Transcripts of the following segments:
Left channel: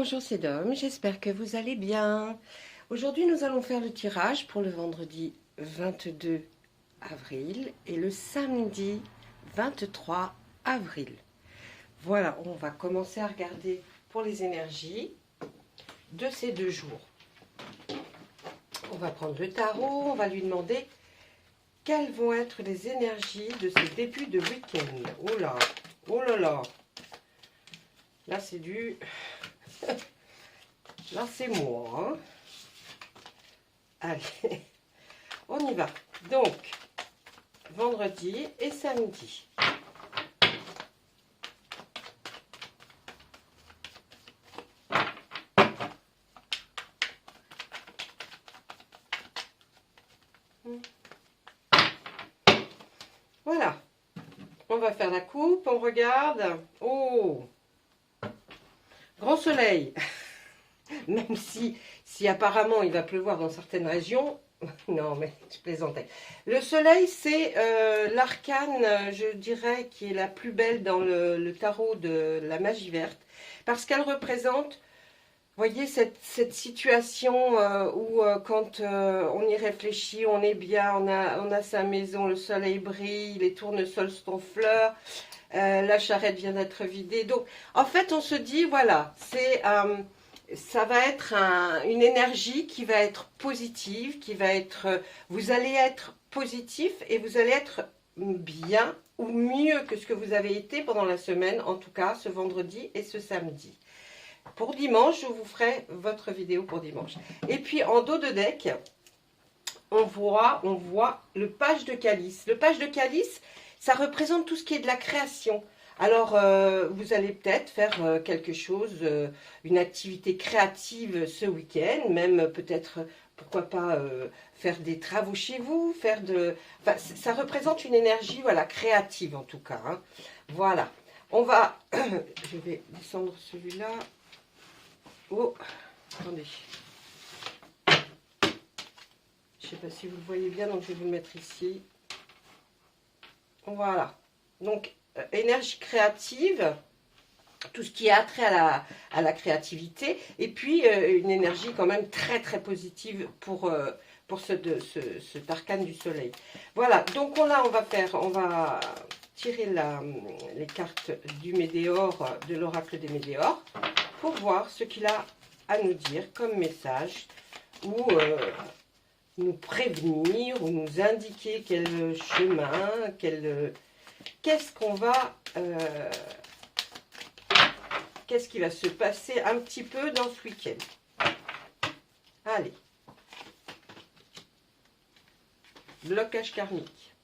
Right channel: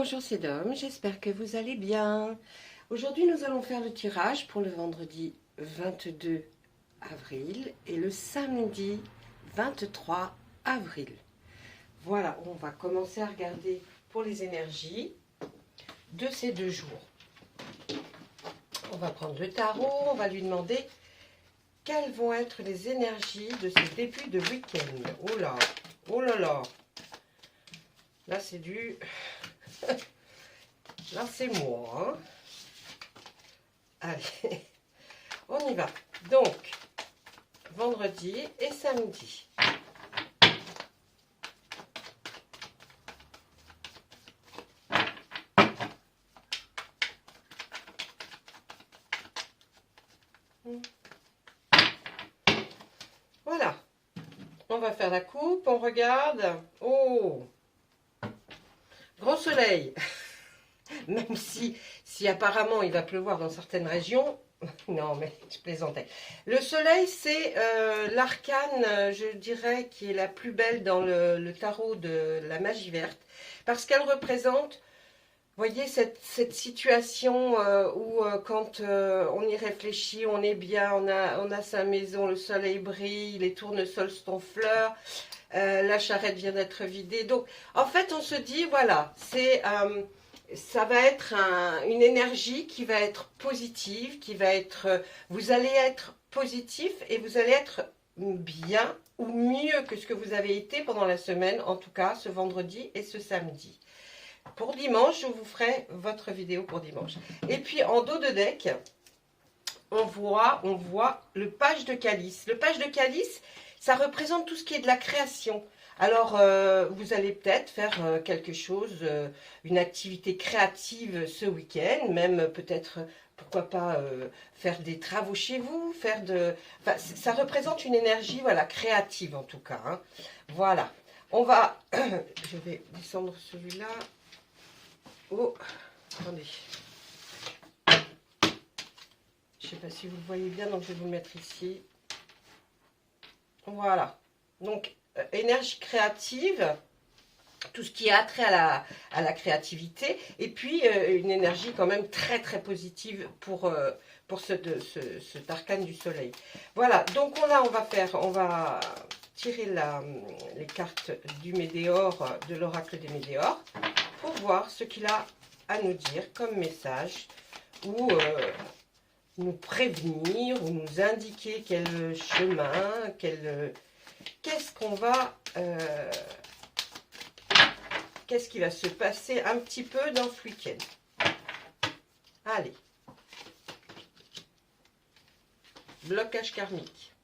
bonjour c'est Dom, j'espère que vous allez bien. Aujourd'hui nous allons faire le tirage pour le vendredi 22 avril et le samedi 23 avril. Voilà, on va commencer à regarder pour les énergies de ces 2 jours. On va prendre le tarot, on va lui demander quelles vont être les énergies de ce début de week-end. Oh là, oh là là. Là c'est du... Là, c'est moi. Hein. Allez, on y va. Donc, vendredi et samedi. Voilà. On va faire la coupe. On regarde. Oh! Grand soleil. Même si apparemment il va pleuvoir dans certaines régions. Non, mais je plaisantais. Le soleil, c'est l'arcane, je dirais, qui est la plus belle dans le tarot de la magie verte. Parce qu'elle représente, voyez, cette situation où quand on y réfléchit, on est bien, on a sa maison, le soleil brille, les tournesols sont en fleurs, la charrette vient d'être vidée. Donc, en fait, on se dit, voilà, c'est... ça va être une énergie qui va être positive, qui va être, vous allez être positif et vous allez être bien ou mieux que ce que vous avez été pendant la semaine, en tout cas ce vendredi et ce samedi. Pour dimanche, je vous ferai votre vidéo pour dimanche. Et puis en dos de deck, on voit le page de calice. Le page de calice, ça représente tout ce qui est de la création. Alors, vous allez peut-être faire quelque chose, une activité créative ce week-end, même peut-être, pourquoi pas, faire des travaux chez vous, Enfin, ça représente une énergie, voilà, créative en tout cas. Hein. Voilà. On va... Je vais descendre celui-là. Oh, attendez. Je ne sais pas si vous le voyez bien, donc je vais vous le mettre ici. Voilà. Donc, énergie créative, tout ce qui a trait à la créativité, et puis une énergie quand même très très positive pour cet arcane du soleil. Voilà, donc on va tirer les cartes du Médéor, de l'oracle des Médéors, pour voir ce qu'il a à nous dire comme message, ou nous prévenir, ou nous indiquer quel chemin, qu'est-ce qu'on va... qu'est-ce qui va se passer un petit peu dans ce week-end. Allez. Blocage karmique.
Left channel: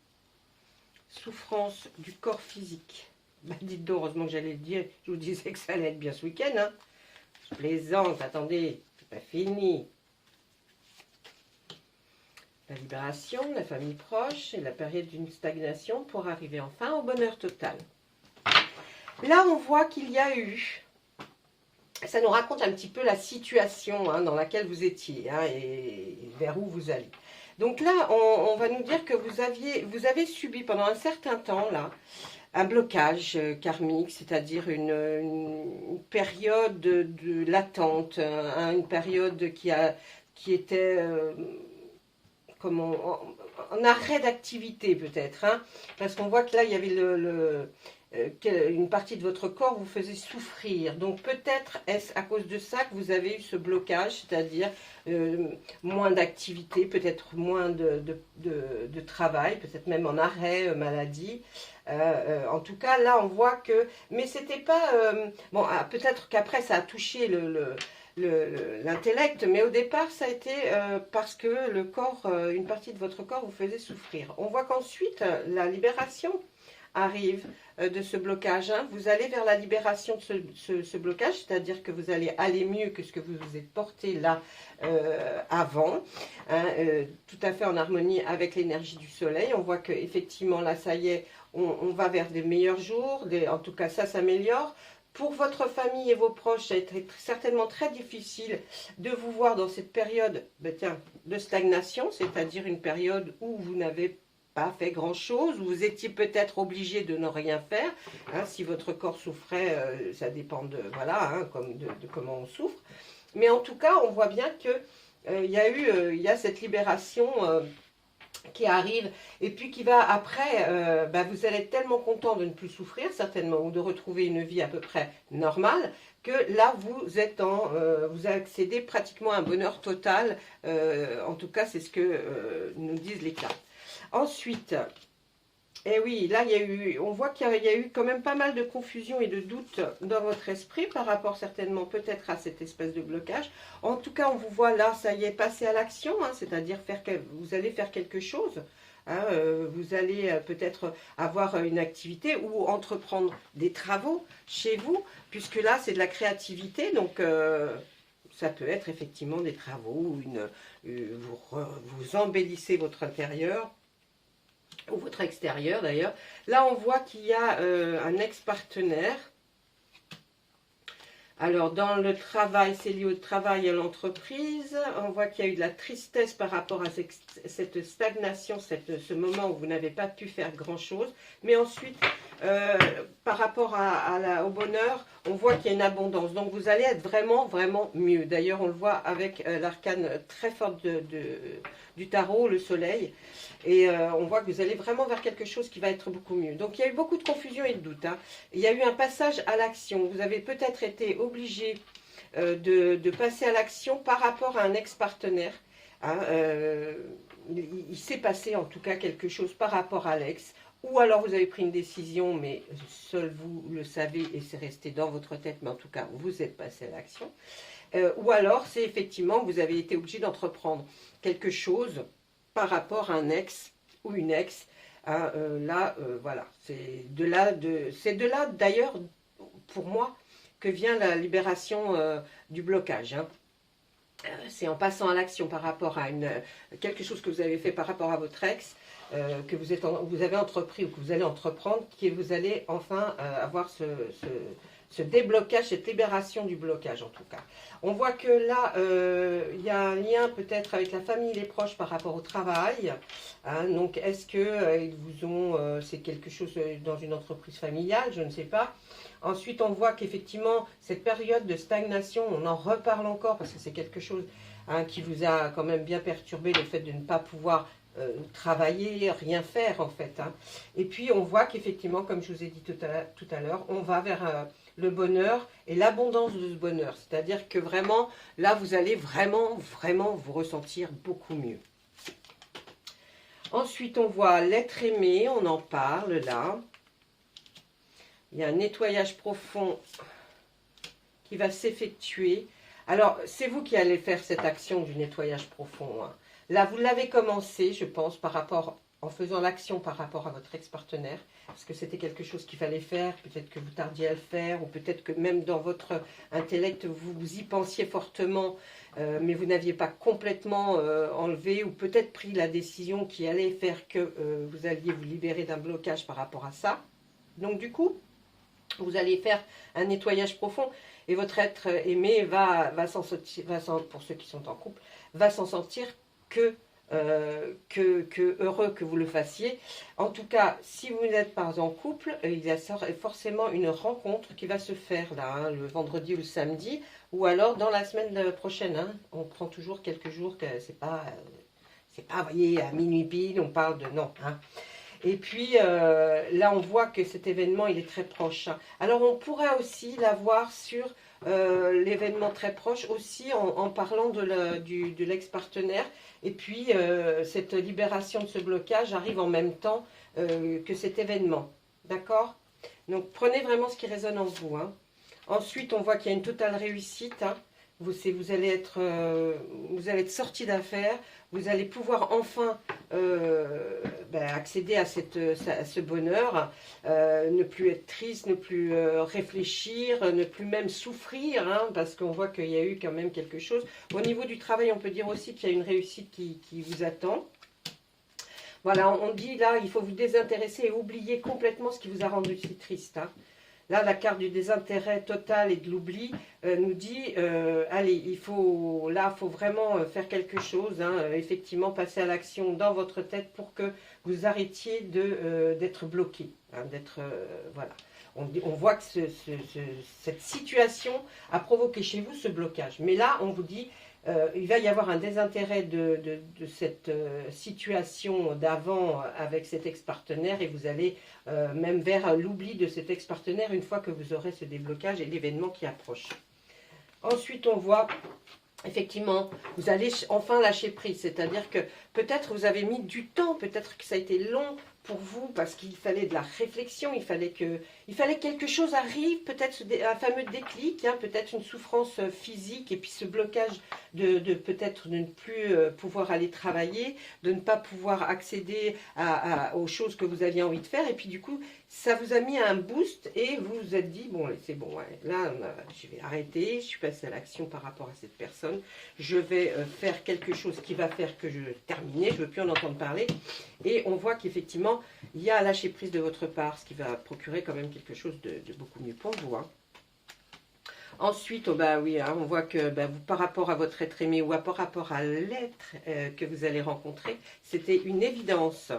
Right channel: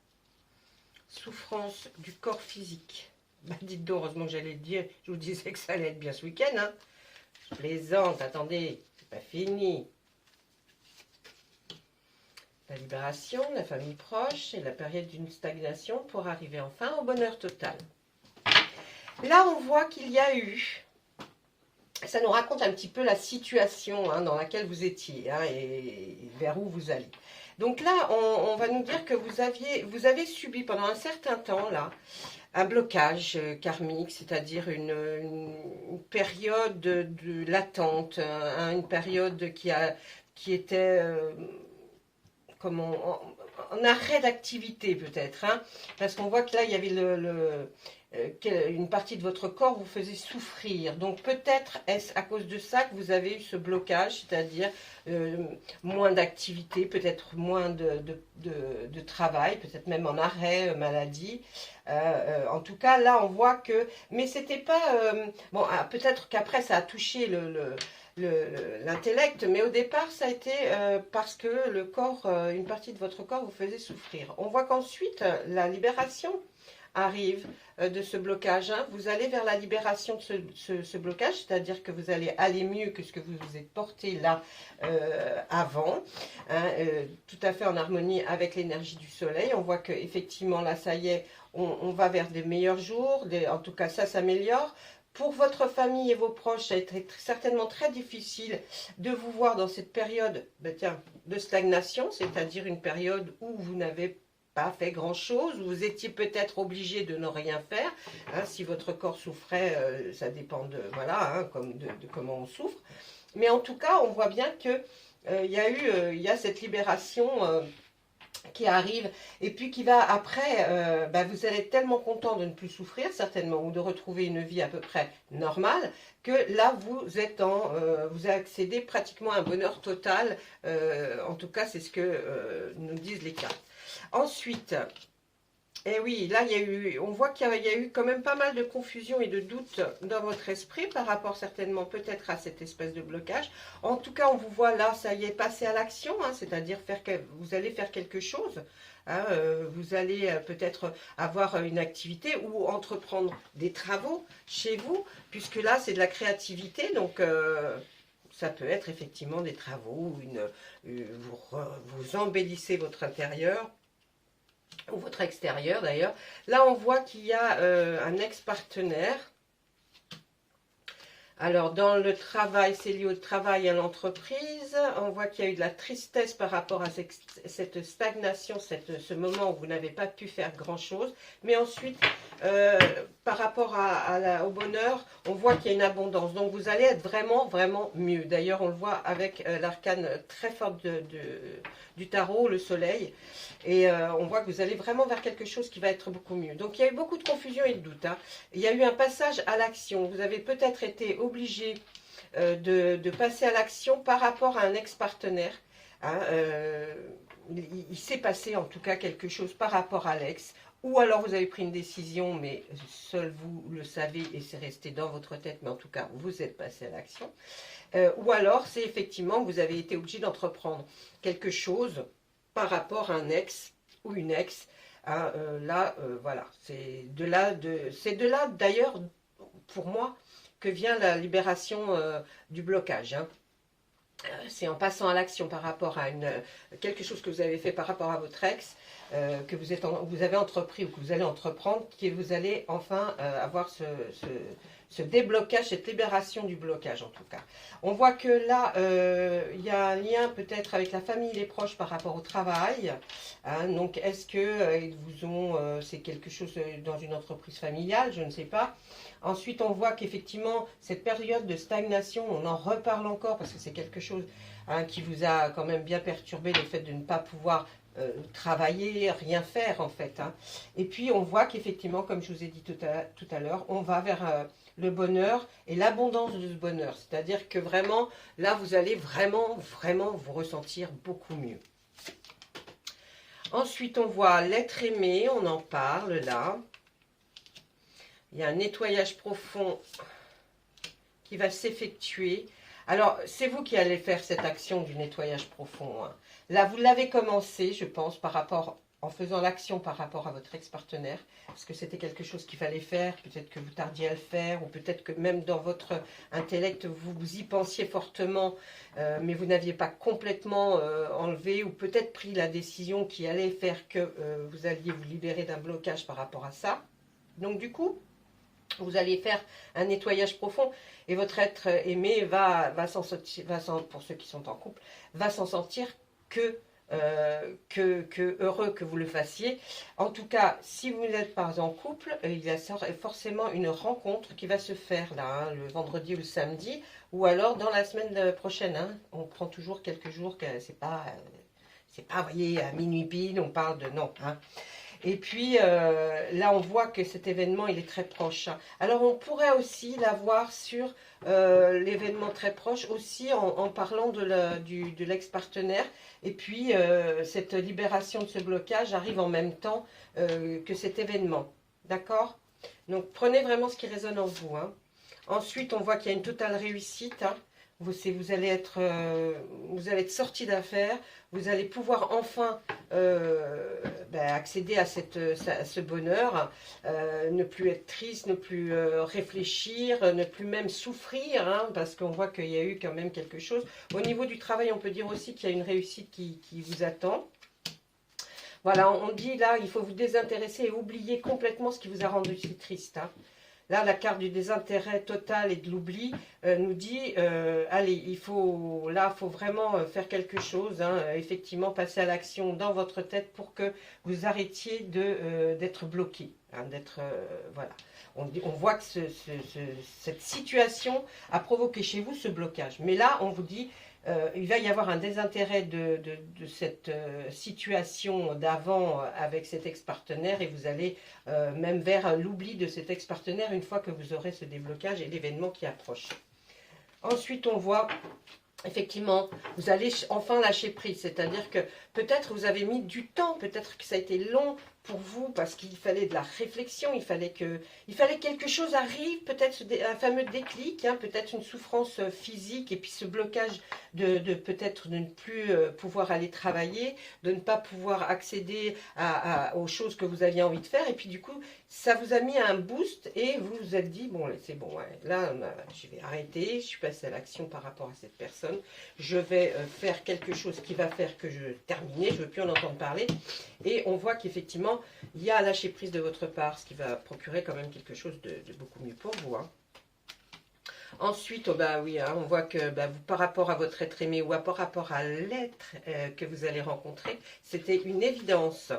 Souffrance du corps physique. Bah, dites donc, heureusement que j'allais le dire. Je vous disais que ça allait être bien ce week-end. Hein. Je plaisante, attendez, c'est pas fini. La libération, la famille proche et la période d'une stagnation pour arriver enfin au bonheur total. Là, on voit qu'il y a eu, ça nous raconte un petit peu la situation hein, dans laquelle vous étiez hein, et vers où vous allez. Donc là, on va nous dire que vous avez subi pendant un certain temps là un blocage karmique, c'est-à-dire une période de latente, hein, une période qui était en arrêt d'activité peut-être, hein, parce qu'on voit que là, il y avait une partie de votre corps vous faisait souffrir. Donc peut-être est-ce à cause de ça que vous avez eu ce blocage, c'est-à-dire moins d'activité, peut-être moins de travail, peut-être même en arrêt maladie. En tout cas, là, on voit que... Mais c'était pas... bon, peut-être qu'après, ça a touché l'intellect, mais au départ, ça a été parce que le corps, une partie de votre corps vous faisait souffrir. On voit qu'ensuite, la libération arrive de ce blocage. Hein. Vous allez vers la libération de ce blocage, c'est-à-dire que vous allez aller mieux que ce que vous vous êtes porté là avant, hein, tout à fait en harmonie avec l'énergie du soleil. On voit qu'effectivement, là, ça y est, on va vers des meilleurs jours, en tout cas, ça s'améliore. Pour votre famille et vos proches, ça a été certainement très difficile de vous voir dans cette période de stagnation, c'est-à-dire une période où vous n'avez pas fait grand-chose, vous étiez peut-être obligé de ne rien faire. Hein, si votre corps souffrait, ça dépend de, voilà, hein, comme de comment on souffre. Mais en tout cas, on voit bien que il y a cette libération qui arrive et puis qui va après, vous allez être tellement content de ne plus souffrir certainement ou de retrouver une vie à peu près normale que là vous accédez pratiquement à un bonheur total. En tout cas, c'est ce que nous disent les cartes. Ensuite, et oui, là, on voit qu'il y a eu quand même pas mal de confusion et de doutes dans votre esprit par rapport certainement peut-être à cette espèce de blocage. En tout cas, on vous voit là, ça y est, passer à l'action, hein, c'est-à-dire vous allez faire quelque chose. Hein, vous allez peut-être avoir une activité ou entreprendre des travaux chez vous, puisque là, c'est de la créativité, donc ça peut être effectivement des travaux, vous embellissez votre intérieur, ou votre extérieur d'ailleurs. Là, on voit qu'il y a un ex-partenaire. Alors, dans le travail, c'est lié au travail et à l'entreprise. On voit qu'il y a eu de la tristesse par rapport à cette stagnation, ce moment où vous n'avez pas pu faire grand-chose. Mais ensuite, par rapport au bonheur, on voit qu'il y a une abondance. Donc, vous allez être vraiment, vraiment mieux. D'ailleurs, on le voit avec l'arcane très forte du tarot, le soleil. Et on voit que vous allez vraiment vers quelque chose qui va être beaucoup mieux. Donc, il y a eu beaucoup de confusion et de doute. Hein. Il y a eu un passage à l'action. Vous avez peut-être été obligé de passer à l'action par rapport à un ex-partenaire. Hein. Il s'est passé en tout cas quelque chose par rapport à l'ex. Ou alors vous avez pris une décision, mais seul vous le savez et c'est resté dans votre tête. Mais en tout cas, vous êtes passé à l'action. Ou alors, c'est effectivement que vous avez été obligé d'entreprendre quelque chose par rapport à un ex ou une ex. Hein, voilà, c'est de là d'ailleurs, pour moi, que vient la libération du blocage. Hein. C'est en passant à l'action par rapport à quelque chose que vous avez fait par rapport à votre ex, que vous avez entrepris ou que vous allez entreprendre, que vous allez enfin avoir ce déblocage, cette libération du blocage en tout cas. On voit que là, il y a un lien peut-être avec la famille et les proches par rapport au travail. Hein, donc, est-ce que ils vous ont, c'est quelque chose dans une entreprise familiale, je ne sais pas. Ensuite, on voit qu'effectivement, cette période de stagnation, on en reparle encore parce que c'est quelque chose qui vous a quand même bien perturbé, le fait de ne pas pouvoir travailler, rien faire en fait. Hein. Et puis, on voit qu'effectivement, comme je vous ai dit tout à l'heure, on va vers le bonheur et l'abondance de ce bonheur. C'est-à-dire que vraiment, là, vous allez vraiment, vraiment vous ressentir beaucoup mieux. Ensuite, on voit l'être aimé, on en parle là. Il y a un nettoyage profond qui va s'effectuer. Alors, c'est vous qui allez faire cette action du nettoyage profond. Hein. Là, vous l'avez commencé, je pense, en faisant l'action par rapport à votre ex-partenaire. Parce que c'était quelque chose qu'il fallait faire. Peut-être que vous tardiez à le faire. Ou peut-être que même dans votre intellect, vous y pensiez fortement. Mais vous n'aviez pas complètement enlevé. Ou peut-être pris la décision qui allait faire que vous alliez vous libérer d'un blocage par rapport à ça. Donc, du coup, vous allez faire un nettoyage profond et votre être aimé va pour ceux qui sont en couple, va s'en sentir que heureux que vous le fassiez. En tout cas, si vous n'êtes pas en couple, il y a forcément une rencontre qui va se faire là, hein, le vendredi ou le samedi, ou alors dans la semaine prochaine. Hein, on prend toujours quelques jours, c'est pas, vous voyez, à minuit pile, on parle de non. Hein. Et puis, là, on voit que cet événement, il est très proche. Alors, on pourrait aussi l'avoir sur l'événement très proche, aussi en parlant de l'ex-partenaire. Et puis, cette libération de ce blocage arrive en même temps que cet événement. D'accord? Donc, prenez vraiment ce qui résonne en vous. Hein. Ensuite, on voit qu'il y a une totale réussite. Hein. Vous allez être sorti d'affaires. Vous allez pouvoir enfin accéder à ce bonheur, ne plus être triste, ne plus réfléchir, ne plus même souffrir, hein, parce qu'on voit qu'il y a eu quand même quelque chose. Au niveau du travail, on peut dire aussi qu'il y a une réussite qui vous attend. Voilà, on dit là, il faut vous désintéresser et oublier complètement ce qui vous a rendu si triste. Hein. Là, la carte du désintérêt total et de l'oubli nous dit, allez, faut vraiment faire quelque chose, hein, effectivement, passer à l'action dans votre tête pour que vous arrêtiez d'être bloqué, hein, voilà. On voit que cette situation a provoqué chez vous ce blocage. Mais là, on vous dit, il va y avoir un désintérêt de cette situation d'avant avec cet ex-partenaire et vous allez même vers l'oubli de cet ex-partenaire une fois que vous aurez ce déblocage et l'événement qui approche. Ensuite, on voit effectivement, vous allez enfin lâcher prise, c'est-à-dire que peut-être vous avez mis du temps, peut-être que ça a été long pour vous parce qu'il fallait de la réflexion, il fallait que quelque chose arrive, peut-être un fameux déclic, hein, peut-être une souffrance physique et puis ce blocage peut-être de ne plus pouvoir aller travailler, de ne pas pouvoir accéder aux choses que vous aviez envie de faire et puis du coup ça vous a mis un boost et vous vous êtes dit bon c'est bon, ouais, là je vais arrêter, je suis passée à l'action par rapport à cette personne, je vais faire quelque chose qui va faire que je termine, je ne veux plus en entendre parler et on voit qu'effectivement il y a un lâcher prise de votre part, ce qui va procurer quand même quelque chose de beaucoup mieux pour vous. Hein. Ensuite, oh bah oui, hein, on voit que vous, par rapport à votre être aimé ou par rapport à l'être que vous allez rencontrer, c'était une évidence.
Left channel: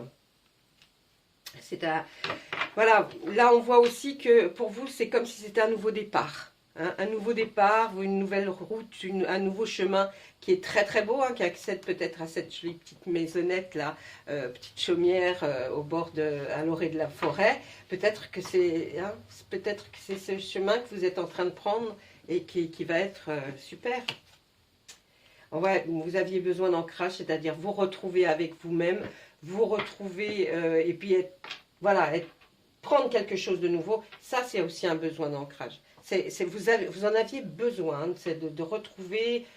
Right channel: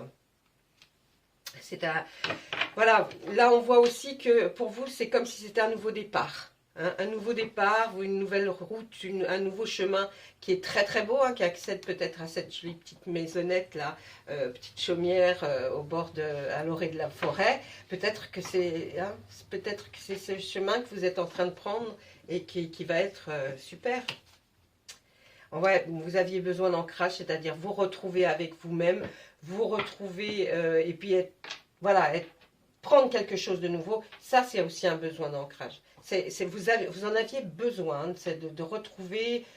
Voilà, là on voit aussi que pour vous, c'est comme si c'était un nouveau départ. Hein, un nouveau départ, une nouvelle route, un nouveau chemin qui est très très beau, hein, qui accède peut-être à cette jolie petite maisonnette là, petite chaumière à l'orée de la forêt. Peut-être que c'est ce chemin que vous êtes en train de prendre et qui va être super. Ouais, vous aviez besoin d'ancrage, c'est-à-dire vous retrouver avec vous-même, vous retrouver et puis prendre quelque chose de nouveau. Ça, c'est aussi un besoin d'ancrage. Vous en aviez besoin de retrouver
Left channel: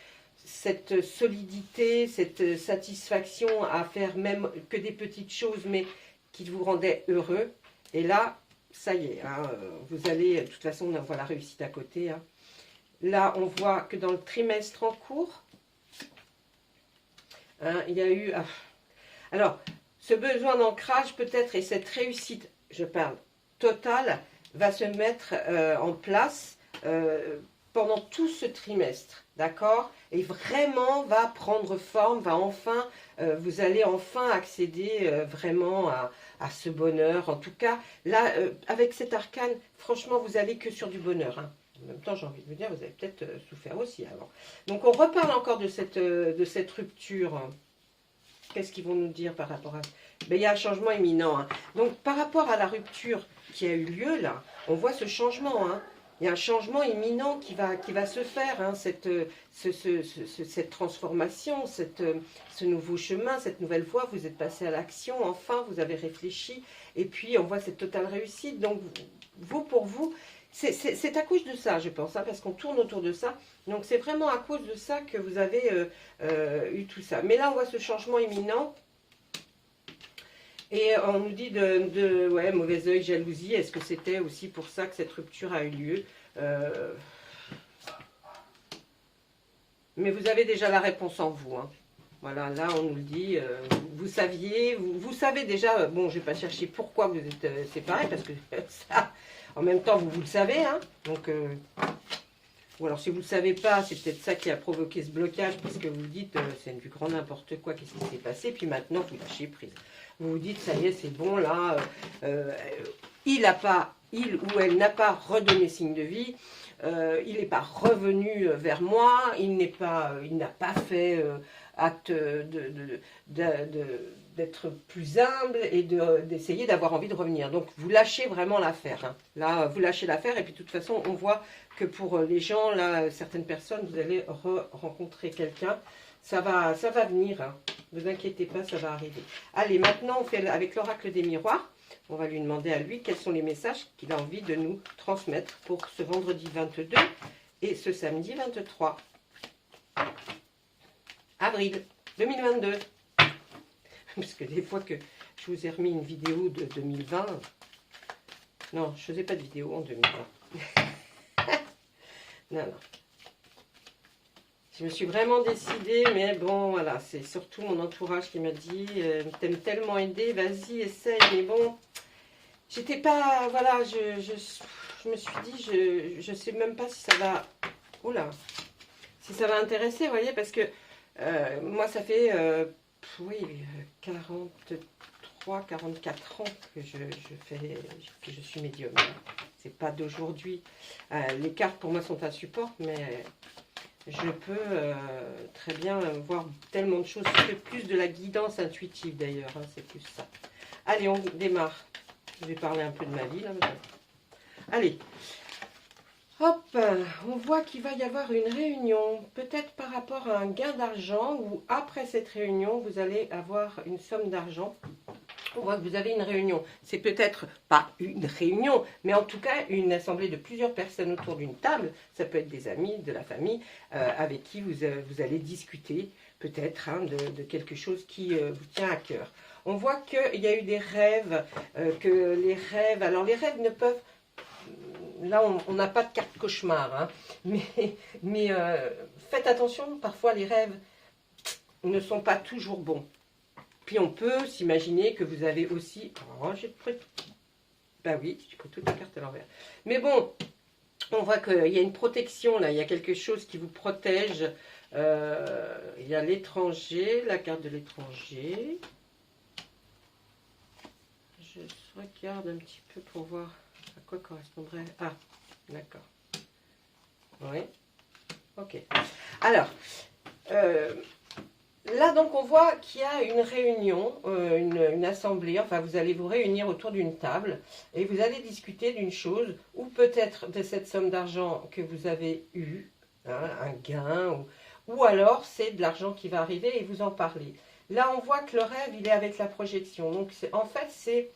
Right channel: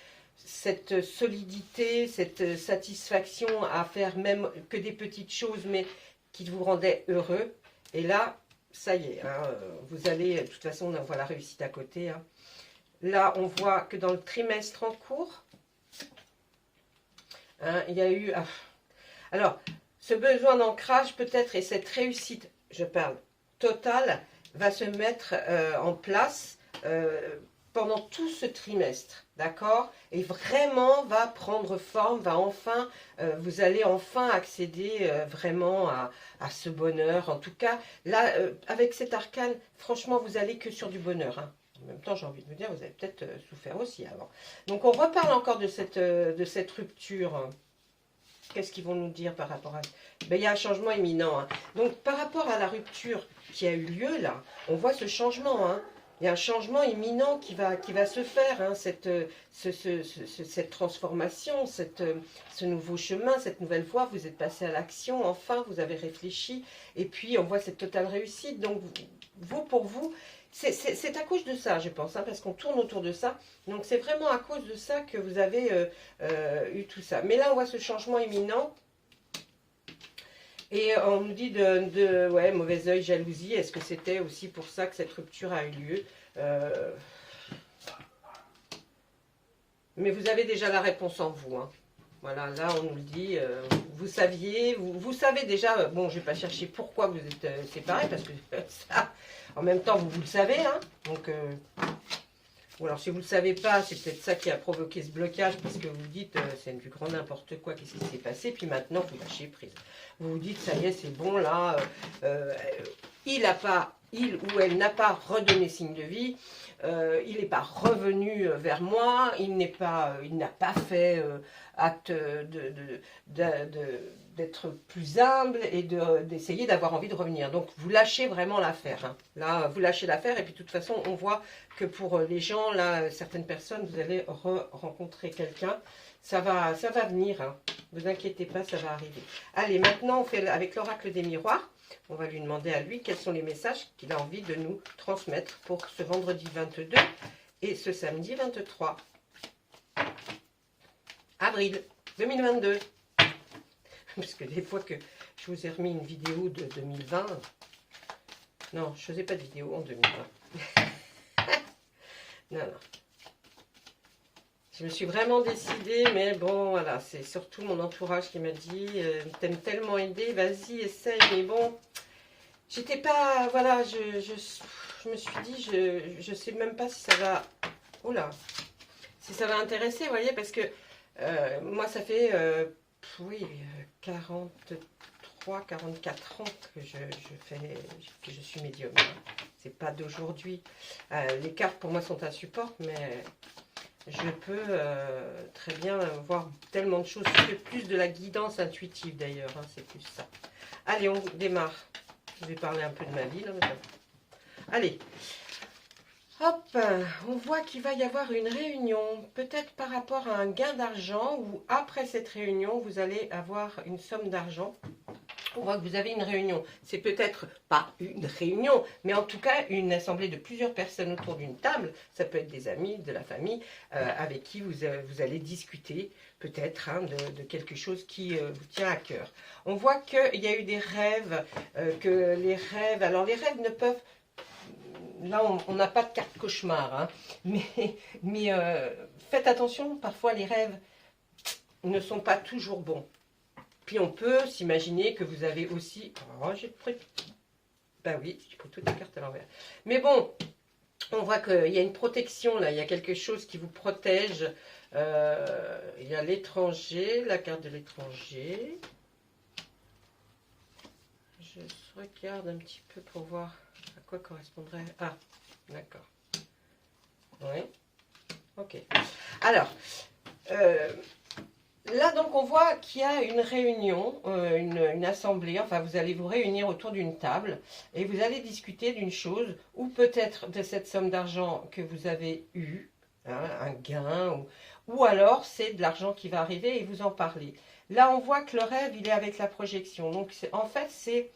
cette solidité, cette satisfaction à faire même que des petites choses, mais qui vous rendaient heureux. Et là, ça y est, hein, vous allez, de toute façon, on voit la réussite à côté. Hein. Là, on voit que dans le trimestre en cours, hein, il y a eu... alors, ce besoin d'ancrage peut-être et cette réussite, je parle totale, va se mettre en place pendant tout ce trimestre, d'accord? Et vraiment va prendre forme, vous allez enfin accéder vraiment à ce bonheur. En tout cas, là, avec cet arcane, franchement, vous allez que sur du bonheur. Hein. En même temps, j'ai envie de vous dire, vous avez peut-être souffert aussi avant. Donc, on reparle encore de cette rupture. Qu'est-ce qu'ils vont nous dire par rapport à ça? Ben, il y a un changement imminent. Hein. Donc, par rapport à la rupture qui a eu lieu, là, on voit ce changement. Hein. Il y a un changement imminent qui va se faire. Hein. Cette transformation, ce nouveau chemin, cette nouvelle voie, vous êtes passé à l'action. Enfin, vous avez réfléchi. Et puis, on voit cette totale réussite. Donc, pour vous, c'est à cause de ça, je pense, hein, parce qu'on tourne autour de ça. Donc, c'est vraiment à cause de ça que vous avez eu tout ça. Mais là, on voit ce changement imminent. Et on nous dit ouais, mauvais œil, jalousie. Est-ce que c'était aussi pour ça que cette rupture a eu lieu? Mais vous avez déjà la réponse en vous. Hein. Voilà, là on nous le dit. Vous saviez, vous savez déjà. Bon, je ne vais pas chercher pourquoi vous êtes séparés, parce que ça, en même temps, vous le savez. Hein. Donc, ou alors si vous ne le savez pas, c'est peut-être ça qui a provoqué ce blocage, parce que vous vous dites, c'est du grand n'importe quoi, qu'est-ce qui s'est passé? Puis maintenant, vous lâchez prise. Vous vous dites, ça y est, c'est bon, là, il ou elle n'a pas redonné signe de vie, il n'est pas revenu vers moi, il n'a pas fait acte d'être plus humble et d'essayer d'avoir envie de revenir. Donc, vous lâchez vraiment l'affaire. Hein. Là, vous lâchez l'affaire et puis de toute façon, on voit que pour les gens, là, certaines personnes, vous allez rencontrer quelqu'un. Ça va venir, hein. Ne vous inquiétez pas, ça va arriver. Allez, maintenant, on fait avec l'oracle des miroirs. On va lui demander à lui quels sont les messages qu'il a envie de nous transmettre pour ce vendredi 22 et ce samedi 23 avril 2022. Parce que des fois que je vous ai remis une vidéo de 2020, non, je ne faisais pas de vidéo en 2020. Non. Je me suis vraiment décidée, mais bon, voilà, c'est surtout mon entourage qui m'a dit, t'aimes tellement aider, vas-y, essaye, mais bon, j'étais pas, voilà, je me suis dit, je sais même pas si ça va, oula, si ça va intéresser, vous voyez, parce que moi, ça fait, oui, 44 ans que je suis médium. C'est pas d'aujourd'hui. Les cartes, pour moi, sont un support, mais je peux très bien voir tellement de choses. C'est plus de la guidance intuitive, d'ailleurs, hein, c'est plus ça. Allez, on démarre. Je vais parler un peu de ma vie. Là, allez. Hop, on voit qu'il va y avoir une réunion, peut-être par rapport à un gain d'argent, ou après cette réunion, vous allez avoir une somme d'argent. On voit que vous avez une réunion. C'est peut-être pas une réunion, mais en tout cas une assemblée de plusieurs personnes autour d'une table. Ça peut être des amis, de la famille, avec qui vous allez discuter peut-être hein, de quelque chose qui vous tient à cœur. On voit qu'il y a eu des rêves, que les rêves... Alors les rêves ne peuvent... Là, on n'a pas de carte cauchemar, hein, mais faites attention, parfois les rêves ne sont pas toujours bons. Puis on peut s'imaginer que vous avez aussi... Oh, j'ai pris... Ben oui, j'ai pris toutes les cartes à l'envers. Mais bon, on voit qu'il y a une protection, là. Il y a quelque chose qui vous protège. Il y a l'étranger, la carte de l'étranger. Je regarde un petit peu pour voir à quoi correspondrait... Ah, d'accord. Oui. Ok. Alors... là, donc, on voit qu'il y a une réunion, une assemblée, enfin, vous allez vous réunir autour d'une table et vous allez discuter d'une chose, ou peut-être de cette somme d'argent que vous avez eue, hein, un gain, ou alors c'est de l'argent qui va arriver et vous en parlez. Là, on voit que le rêve, il est avec la projection. Donc, en fait, c'est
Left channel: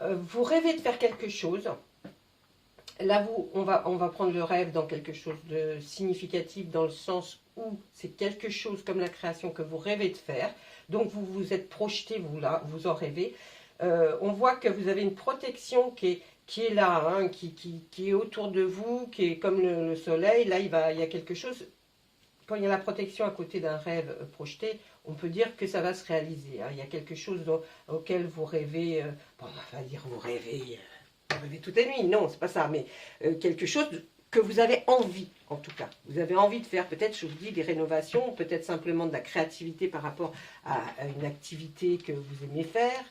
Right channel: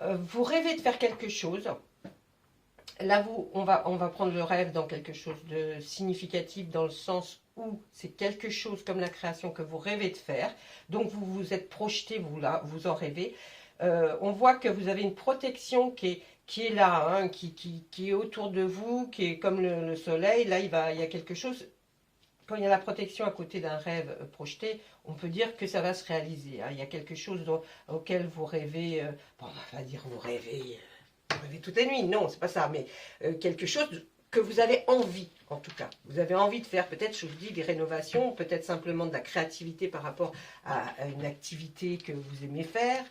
vous rêvez de faire quelque chose. Là, on va prendre le rêve dans quelque chose de significatif dans le sens où c'est quelque chose comme la création que vous rêvez de faire. Donc, vous vous êtes projeté, vous en rêvez. On voit que vous avez une protection qui est là, hein, qui est autour de vous, qui est comme le soleil. Là, il y a quelque chose. Quand il y a la protection à côté d'un rêve projeté, on peut dire que ça va se réaliser. Hein. Il y a quelque chose auquel vous rêvez. Bon, on va dire vous rêvez toute la nuit, non, c'est pas ça, mais quelque chose que vous avez envie, en tout cas. Vous avez envie de faire, peut-être, je vous dis, des rénovations, peut-être simplement de la créativité par rapport à une activité que vous aimez faire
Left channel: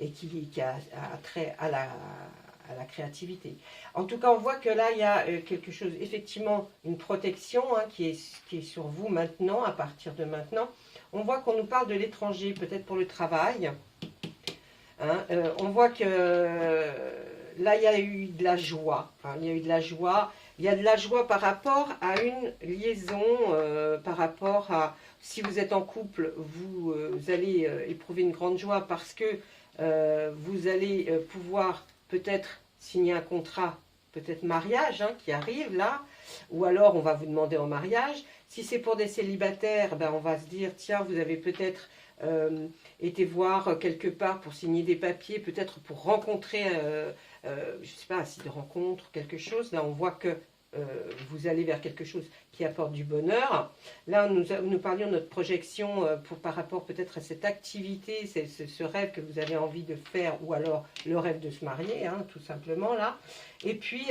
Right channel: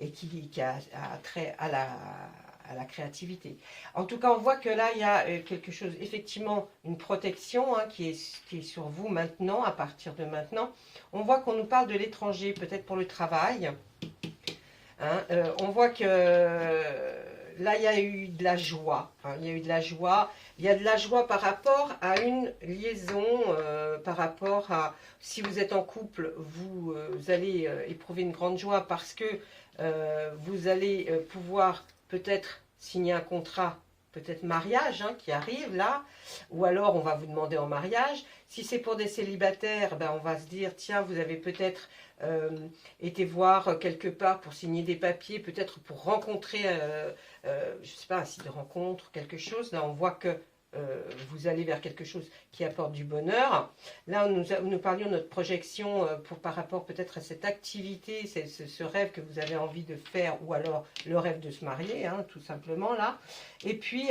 et qui a trait à la créativité. En tout cas, on voit que là, il y a quelque chose, effectivement, une protection hein, qui est sur vous maintenant, à partir de maintenant. On voit qu'on nous parle de l'étranger, peut-être pour le travail. Hein, on voit que là, il y a eu de la joie. Hein, il y a eu de la joie. Il y a de la joie par rapport à une liaison, par rapport à... Si vous êtes en couple, vous allez éprouver une grande joie parce que vous allez pouvoir peut-être signer un contrat, peut-être mariage, hein, qui arrive là. Ou alors, on va vous demander en mariage. Si c'est pour des célibataires, ben, on va se dire, tiens, vous avez peut-être... été voir quelque part pour signer des papiers, peut-être pour rencontrer, je ne sais pas, un site de rencontre, quelque chose. Là, on voit que vous allez vers quelque chose qui apporte du bonheur. Là, nous parlions de notre projection par rapport peut-être à cette activité, ce rêve que vous avez envie de faire, ou alors le rêve de se marier, hein, tout simplement, là. Et puis,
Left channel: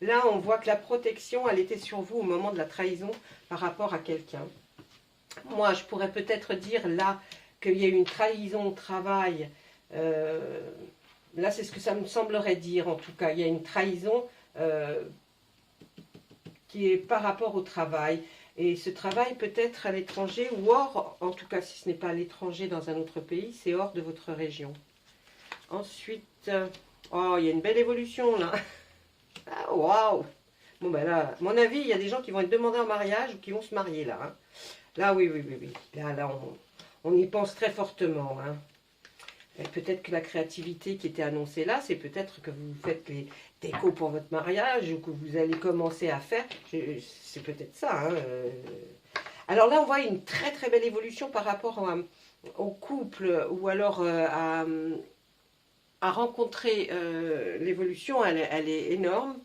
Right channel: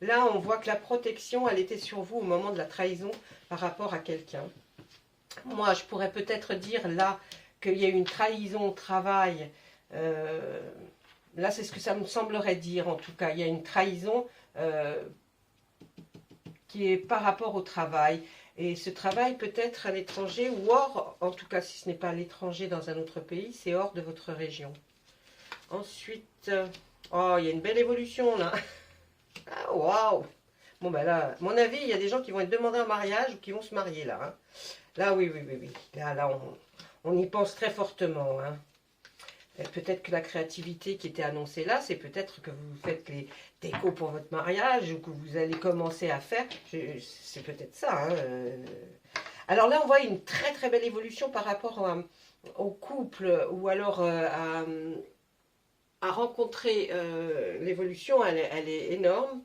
là, on voit que la protection, elle était sur vous au moment de la trahison par rapport à quelqu'un. Moi, je pourrais peut-être dire là qu'il y a eu une trahison au travail. Là, c'est ce que ça me semblerait dire en tout cas. Il y a une trahison qui est par rapport au travail. Et ce travail peut être à l'étranger ou hors, en tout cas si ce n'est pas à l'étranger dans un autre pays, c'est hors de votre région. Ensuite, oh, il y a une belle évolution là. Ah, waouh! Bon, ben là, à mon avis, il y a des gens qui vont être demandés en mariage ou qui vont se marier là. Hein. Là, oui. Là, on y pense très fortement. Hein. Peut-être que la créativité qui était annoncée là, c'est peut-être que vous faites les décos pour votre mariage ou que vous allez commencer à faire. C'est peut-être ça. Hein. Alors là, on voit une très très belle évolution par rapport au couple ou alors à rencontrer l'évolution. Elle est énorme.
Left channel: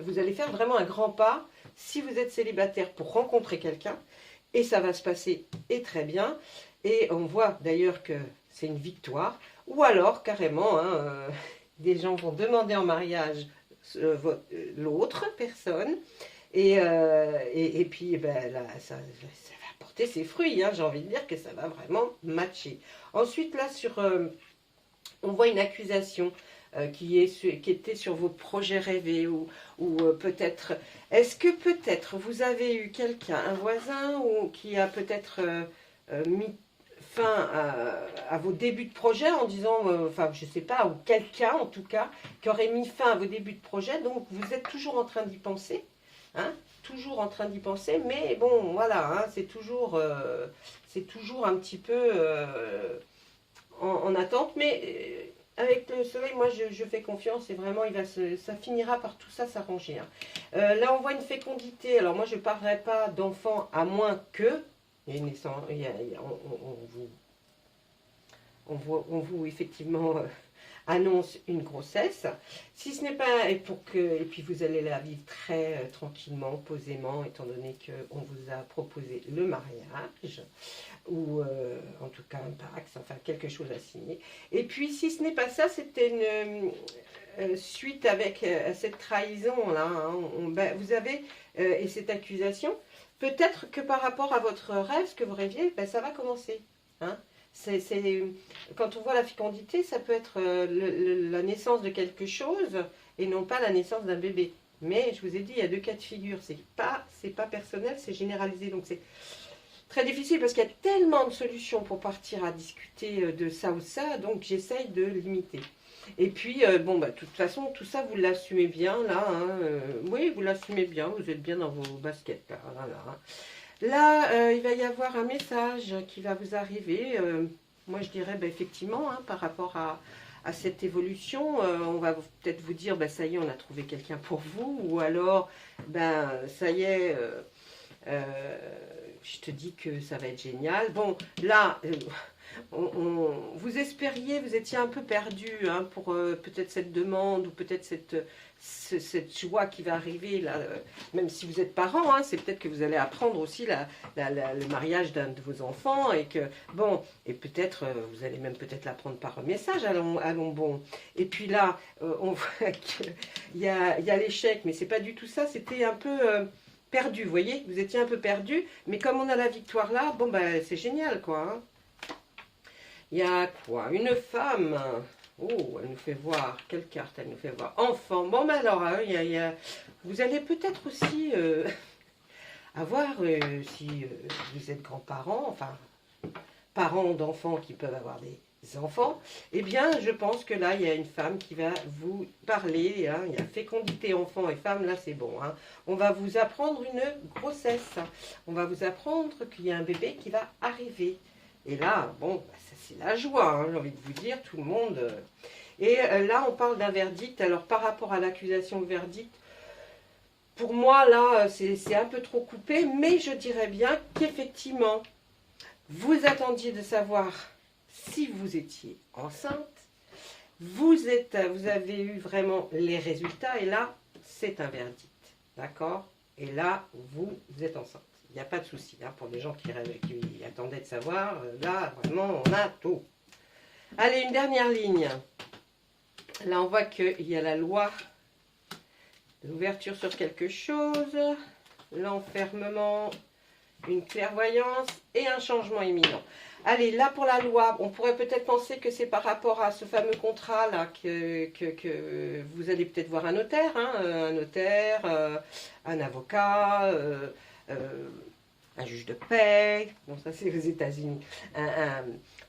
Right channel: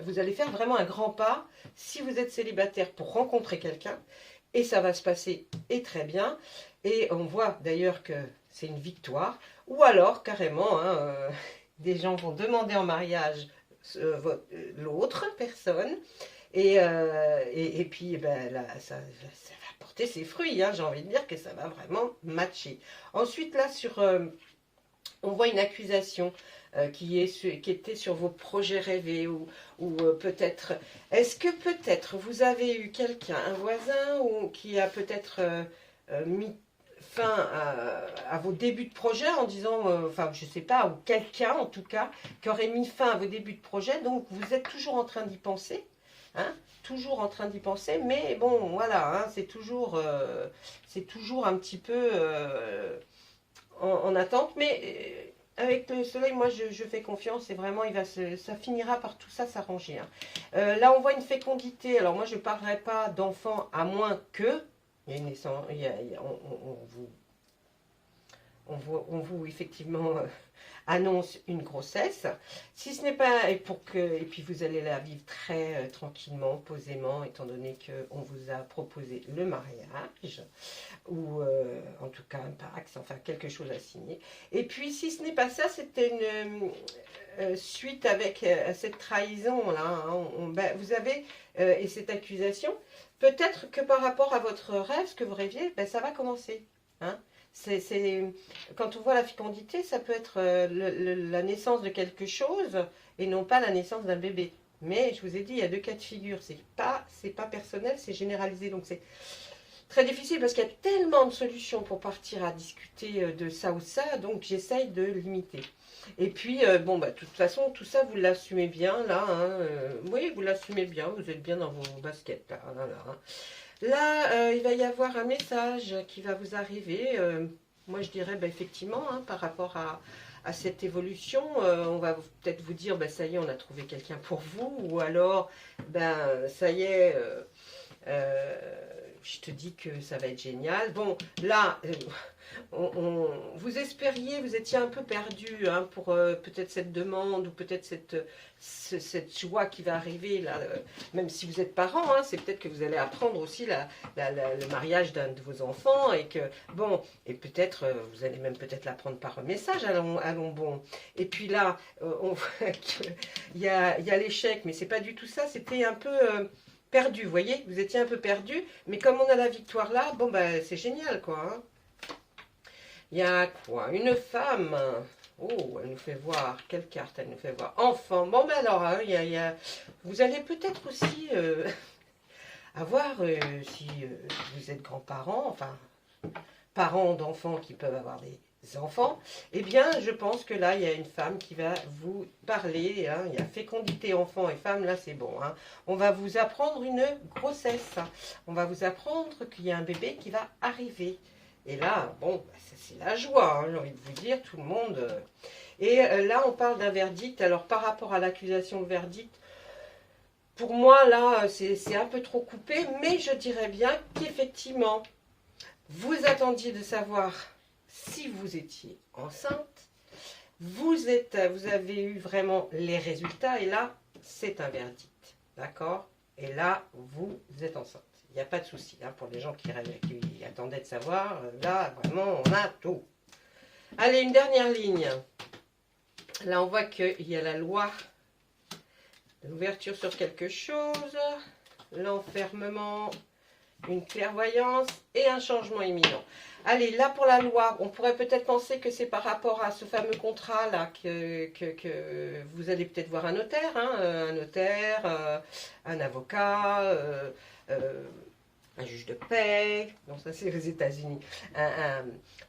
Vous allez faire vraiment un grand pas si vous êtes célibataire pour rencontrer quelqu'un. Et ça va se passer et très bien. Et on voit d'ailleurs que c'est une victoire. Ou alors, carrément, hein, des gens vont demander en mariage l'autre personne. Et puis, ben, là, ça va porter ses fruits. Hein, j'ai envie de dire que ça va vraiment matcher. Ensuite, là, on voit une accusation qui était sur vos projets rêvés ou peut-être... Est-ce que peut-être vous avez eu quelqu'un, un voisin, ou qui a peut-être mis fin à vos débuts de projet en disant, enfin je sais pas, ou quelqu'un en tout cas, qui aurait mis fin à vos débuts de projet, donc vous êtes toujours en train d'y penser, hein, toujours en train d'y penser, mais bon voilà, hein, c'est toujours un petit peu en attente, mais avec le soleil, moi je fais confiance et vraiment ça finira par tout ça s'arranger. Hein. Là on voit une fécondité, alors moi je ne parlerai pas d'enfants à moins que, il y a une naissance, on vous effectivement annonce une grossesse. Si ce n'est pas, et puis vous allez la vivre très tranquillement, posément, étant donné qu'on vous a proposé le mariage, ou en tout cas un pax, enfin quelque chose à signer. Et puis si ce n'est pas ça, c'était une suite avec cette trahison-là, hein, vous avez, et cette accusation, peut-être que par rapport à votre rêve, ce que vous rêviez, ben, ça va commencer. Hein. Quand on voit la fécondité, ça peut être la naissance de quelque chose et non pas la naissance d'un bébé. Mais je vous ai dit, il y a deux cas de figure. C'est pas personnel, c'est généralisé. Donc c'est très difficile parce qu'il y a tellement de solutions pour partir à discuter de ça ou ça. Donc j'essaye de limiter. Et puis, bon, bah, de toute façon, tout ça, vous l'assumez bien, là. Hein, oui, vous l'assumez bien, vous êtes bien dans vos baskets, là. Hein. Là, il va y avoir un message qui va vous arriver. Moi, je dirais, bah, effectivement, hein, par rapport à cette évolution, on va peut-être vous dire, bah, ça y est, on a trouvé quelqu'un pour vous. Ou alors, ben, ça y est, je te dis que ça va être génial. Bon, là... vous espériez, vous étiez un peu perdu hein, pour peut-être cette demande ou peut-être cette joie qui va arriver, là, même si vous êtes parent, hein, c'est peut-être que vous allez apprendre aussi le mariage d'un de vos enfants et que, bon, et peut-être, vous allez même peut-être l'apprendre par message, allons bon. Et puis là, on voit qu'il y a l'échec, mais c'est pas du tout ça, c'était un peu... perdu, vous voyez, vous étiez un peu perdu, mais comme on a la victoire là, bon, ben, c'est génial, quoi, hein. Il y a quoi? Une femme. Oh, elle nous fait voir. Quelle carte elle nous fait voir? Enfant. Bon, ben alors, hein, vous allez peut-être aussi avoir, si vous êtes grands-parents, enfin, parents d'enfants qui peuvent avoir des enfants, eh bien, je pense que là, il y a une femme qui va vous parler. Hein, il y a fécondité enfant et femme, là, c'est bon. Hein. On va vous apprendre une grossesse. On va vous apprendre qu'il y a un bébé qui va arriver. Et là, bon, c'est la joie, hein, j'ai envie de vous dire, tout le monde. Et là, on parle d'un verdict. Alors, par rapport à l'accusation de verdict, pour moi, là, c'est un peu trop coupé, mais je dirais bien qu'effectivement, vous attendiez de savoir si vous étiez enceinte. Vous avez eu vraiment les résultats, et là, c'est un verdict. D'accord? Et là, vous êtes enceinte. Il n'y a pas de souci hein, pour les gens qui attendaient de savoir. Là, vraiment, on a tout. Allez, une dernière ligne. Là, on voit qu'il y a la loi, l'ouverture sur quelque chose, l'enfermement, une clairvoyance et un changement imminent. Allez, là pour la loi, on pourrait peut-être penser que c'est par rapport à ce fameux contrat là que vous allez peut-être voir un notaire, hein, un avocat, un juge de paix, bon ça c'est aux États-Unis,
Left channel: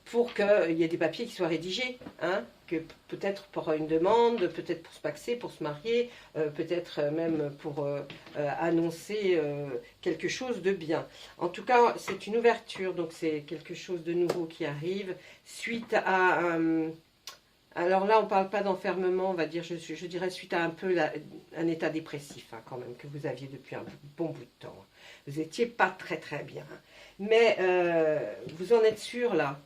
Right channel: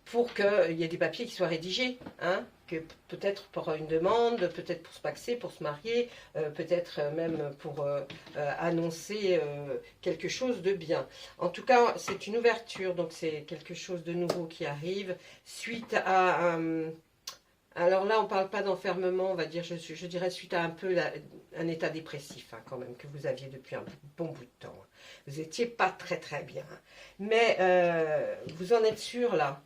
pour qu'il y ait des papiers qui soient rédigés, hein, que peut-être pour une demande, peut-être pour se paxer, pour se marier, peut-être même pour annoncer quelque chose de bien. En tout cas, c'est une ouverture, donc c'est quelque chose de nouveau qui arrive suite à... alors là, on ne parle pas d'enfermement, on va dire, je dirais suite à un peu un état dépressif, hein, quand même, que vous aviez depuis un bon bout de temps. Vous n'étiez pas très très bien. Mais vous en êtes sûr là.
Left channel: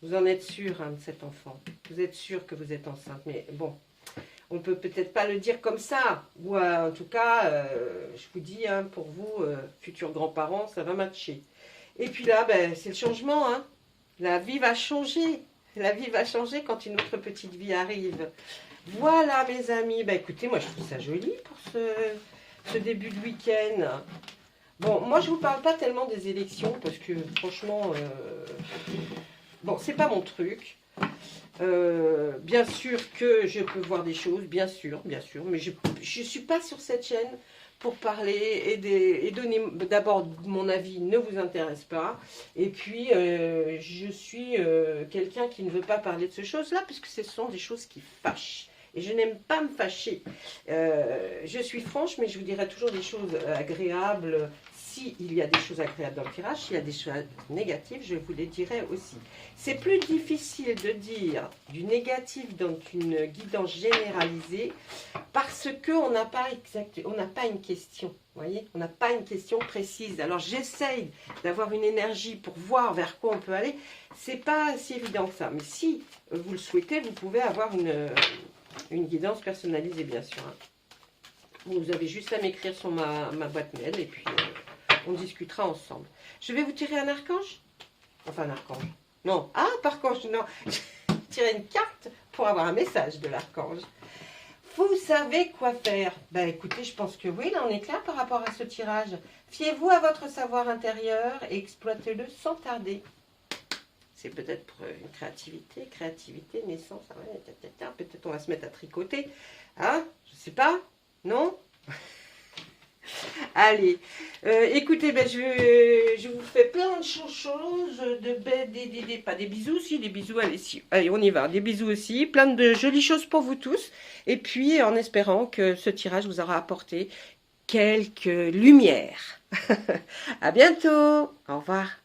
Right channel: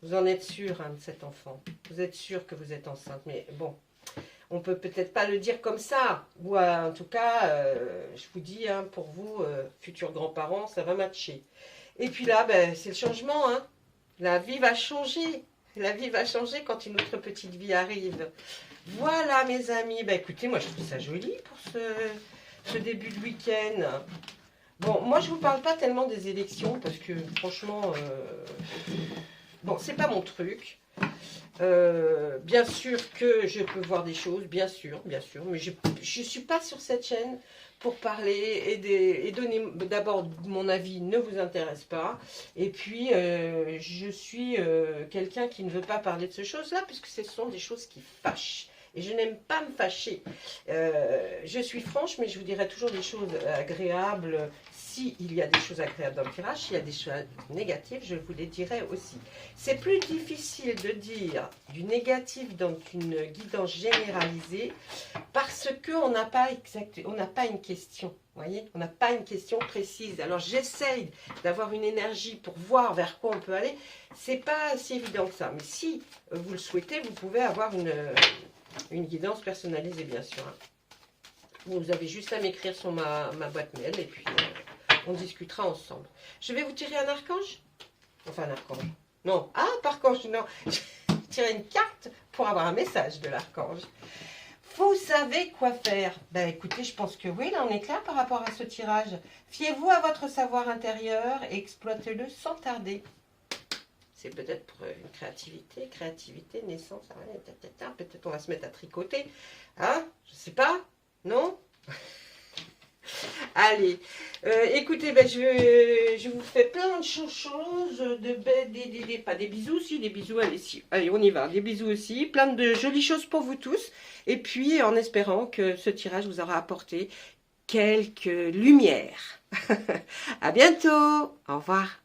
Vous en êtes sûr hein, de cet enfant. Vous êtes sûr que vous êtes enceinte. Mais bon, on peut peut-être pas le dire comme ça. Ou en tout cas, je vous dis, hein, pour vous, futurs grands-parents, ça va matcher. Et puis là, ben, c'est le changement. Hein. La vie va changer. La vie va changer quand une autre petite vie arrive. Voilà, mes amis. Bah, écoutez, moi, je trouve ça joli pour ce début de week-end. Bon, moi, je vous parle pas tellement des élections parce que, franchement, bon, c'est pas mon truc. Bien sûr que je peux voir des choses, bien sûr, mais je ne suis pas sur cette chaîne pour parler et donner. D'abord, mon avis ne vous intéresse pas, et puis je suis quelqu'un qui ne veut pas parler de ces choses-là, puisque ce sont des choses qui fâchent. Et je n'aime pas me fâcher. Je suis franche, mais je vous dirai toujours des choses agréables. S'il y a des choses agréables dans le tirage, s'il y a des choses négatives, je vous les dirai aussi. C'est plus difficile de dire du négatif dans une guidance généralisée parce qu'on n'a pas une question. Voyez, on n'a pas une question précise. Alors j'essaye d'avoir une énergie pour voir vers quoi on peut aller. C'est pas si évident que ça. Mais si vous le souhaitez, vous pouvez avoir une guidance personnalisée, bien sûr. Vous avez juste à m'écrire sur ma boîte mail et puis on discutera ensemble. Je vais vous tirer un archange. Enfin, un archange. Non. Ah, par archange, non. Je vais tirer une carte pour avoir un message de l'archange. Vous savez quoi faire? Ben, écoutez, je pense que oui, là, on est clair par rapport à ce tirage. Fiez-vous à votre savoir intérieur et exploitez-le sans tarder. C'est peut-être pour une créativité, naissance, peut-être on va se mettre à tricoter. Hein? Je sais pas. Non? Allez, écoutez, ben, je vous fais plein de choses, pas des bisous, si, des bisous, allez, si, allez, on y va, des bisous aussi, plein de jolies choses pour vous tous, et puis en espérant que ce tirage vous aura apporté quelques lumières. À bientôt, au revoir.